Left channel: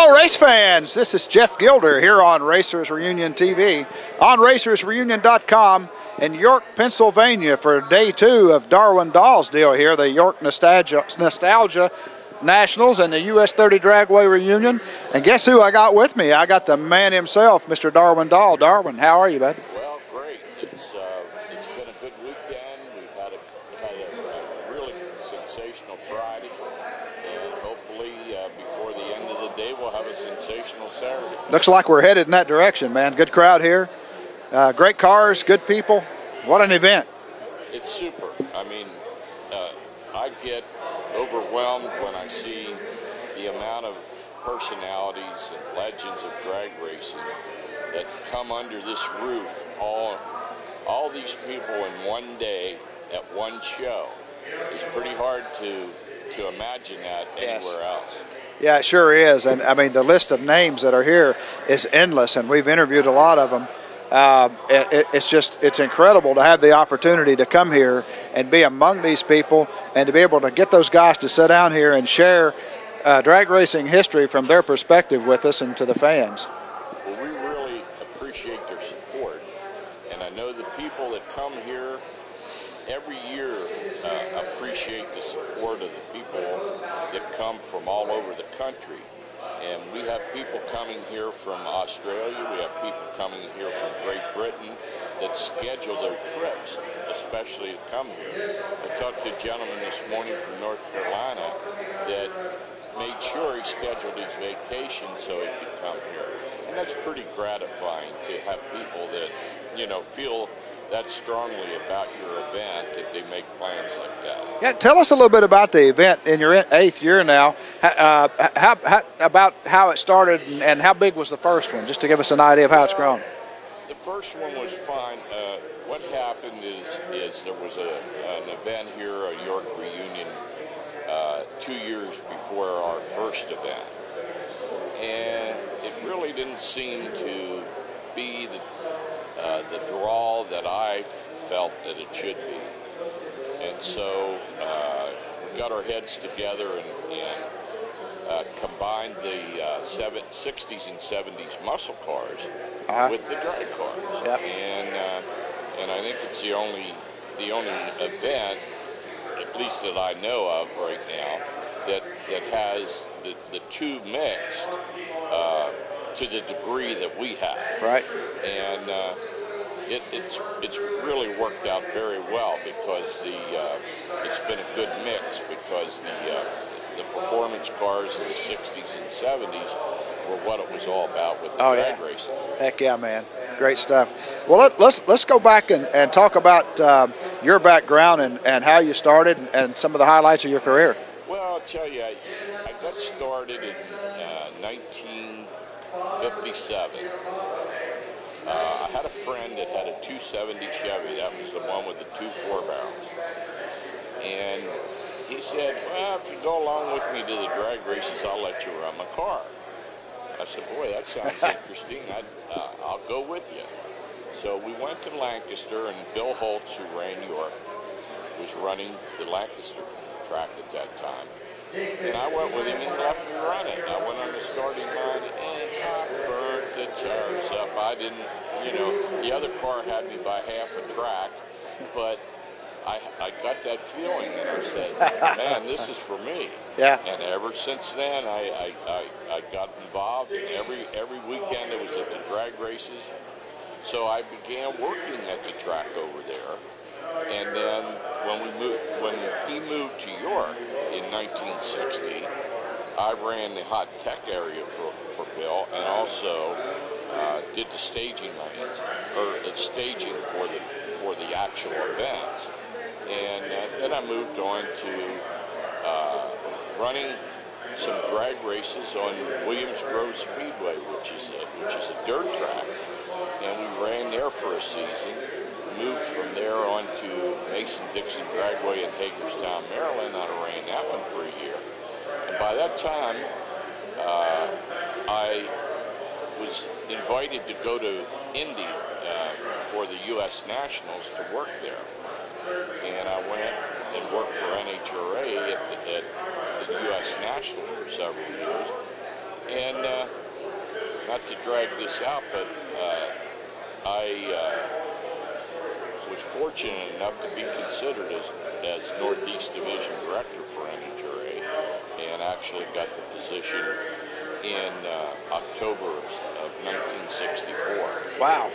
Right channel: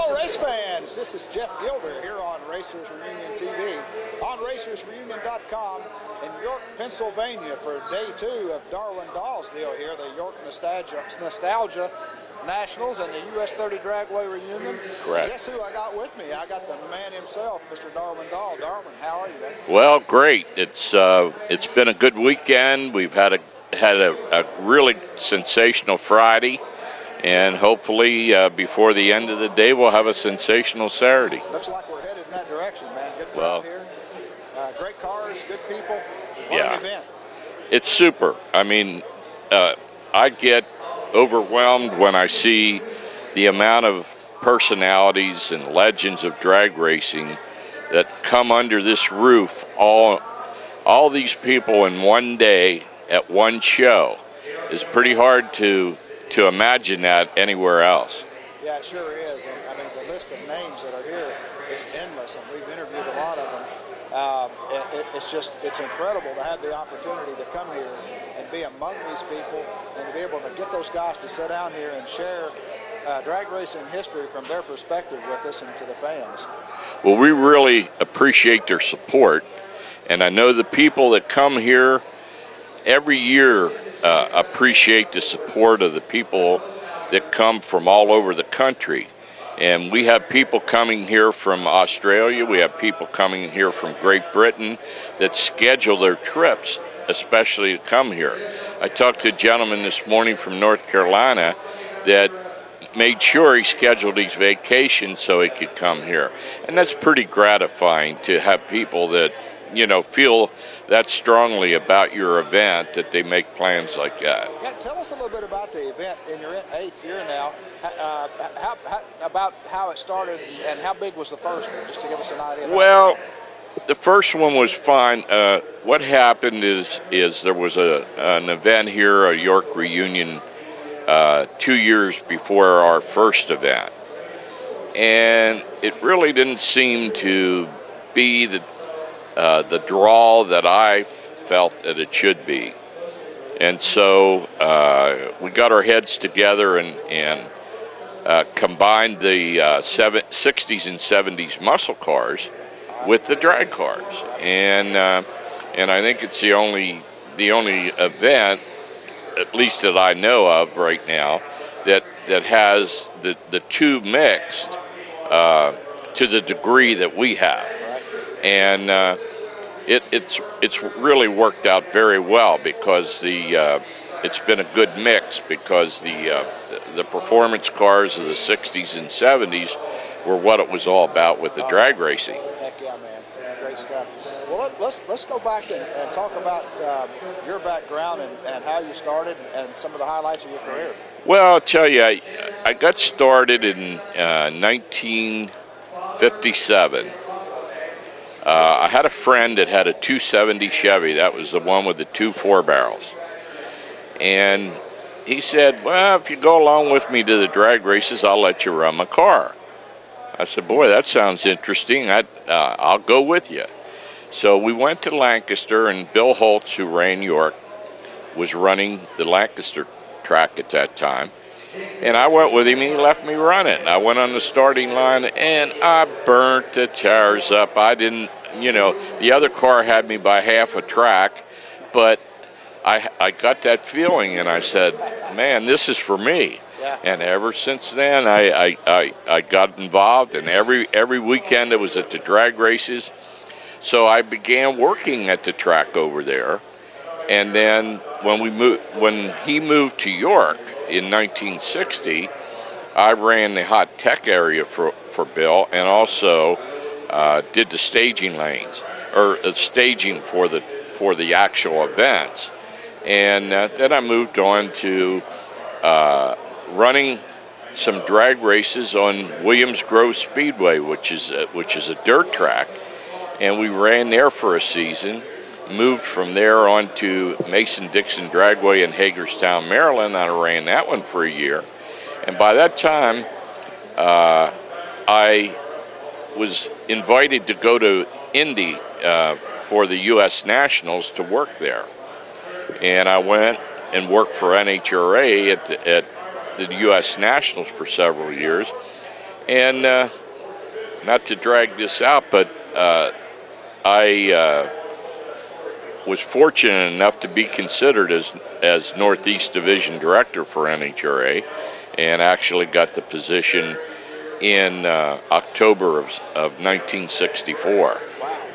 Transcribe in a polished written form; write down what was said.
Hello race fans, this is Jeff Gilder here on Racers Reunion TV, on racersreunion.com in York, Pennsylvania for day 2 of Darwin Dahl's deal here, the York Nostalgia Nationals and the US 30 Dragway Reunion. Correct. And guess who I got with me? I got the man himself, Mr. Darwin Dahl. Darwin, how are you, buddy? Well, great. It's been a good weekend. We've had a really sensational Friday. And hopefully, before the end of the day, we'll have a sensational Saturday. Looks like we're headed in that direction, man. Good crowd here. Great cars, good people. What an event. It's super. I mean, I get overwhelmed when I see the amount of personalities and legends of drag racing that come under this roof. All these people in one day at one show. It's pretty hard to imagine that anywhere else. Yeah, it sure is. And I mean, the list of names that are here is endless, and we've interviewed a lot of them. It's incredible to have the opportunity to come here and be among these people and to be able to get those guys to sit down here and share drag racing history from their perspective with us and to the fans. Well, we really appreciate their support, and I know the people that come here every year appreciate the support of the people that come from all over the country. And we have people coming here from Australia, we have people coming here from Great Britain that schedule their trips especially to come here. I talked to a gentleman this morning from North Carolina that made sure he scheduled his vacation so he could come here. And that's pretty gratifying to have people that, you know, feel that strongly about your event that they make plans like that. Yeah, tell us a little bit about the event in your 8th year now. About how it started and how big was the first one, just to give us an idea of how it's grown. The first one was fine. What happened is there was an event here, a York reunion, 2 years before our first event, and it really didn't seem to be the draw that I felt that it should be. And so we got our heads together and combined the 60s and 70s muscle cars with the drag cars. Yep. And I think it's the only event, at least that I know of right now, that has the two mixed to the degree that we have. Right. And it's really worked out very well because it's been a good mix because the performance cars of the 60s and 70s were what it was all about with the drag racing. Heck yeah, man. Great stuff. Well, let's go back and talk about your background and how you started and some of the highlights of your career. Well, I'll tell you, I got started in 1957. I had a friend that had a 270 Chevy. That was the one with the 2 4-barrels. And he said, well, if you go along with me to the drag races, I'll let you run my car. I said, boy, that sounds interesting. I'll go with you. So we went to Lancaster, and Bill Holtz, who ran York, was running the Lancaster track at that time. And I went with him, and he left me run it. I went on the starting line, and I burnt the tires up. I didn't, you know, the other car had me by half a track, but I got that feeling, and I said, man, this is for me. Yeah. And ever since then, I got involved, and every weekend I was at the drag races. So I began working at the track over there. And then when he moved to York in 1960, I ran the hot tech area for Bill, and also did the staging lanes, or staging for the actual events. And then I moved on to running some drag races on Williams Grove Speedway, which is a dirt track, and we ran there for a season. Moved from there on to Mason-Dixon Dragway in Hagerstown, Maryland. I ran that one for a year. And by that time, I was invited to go to Indy for the U.S. Nationals to work there. And I went and worked for NHRA at the U.S. Nationals for several years. And not to drag this out, but I was fortunate enough to be considered as Northeast Division Director for NHRA, and actually got the position in October of 1964. Wow.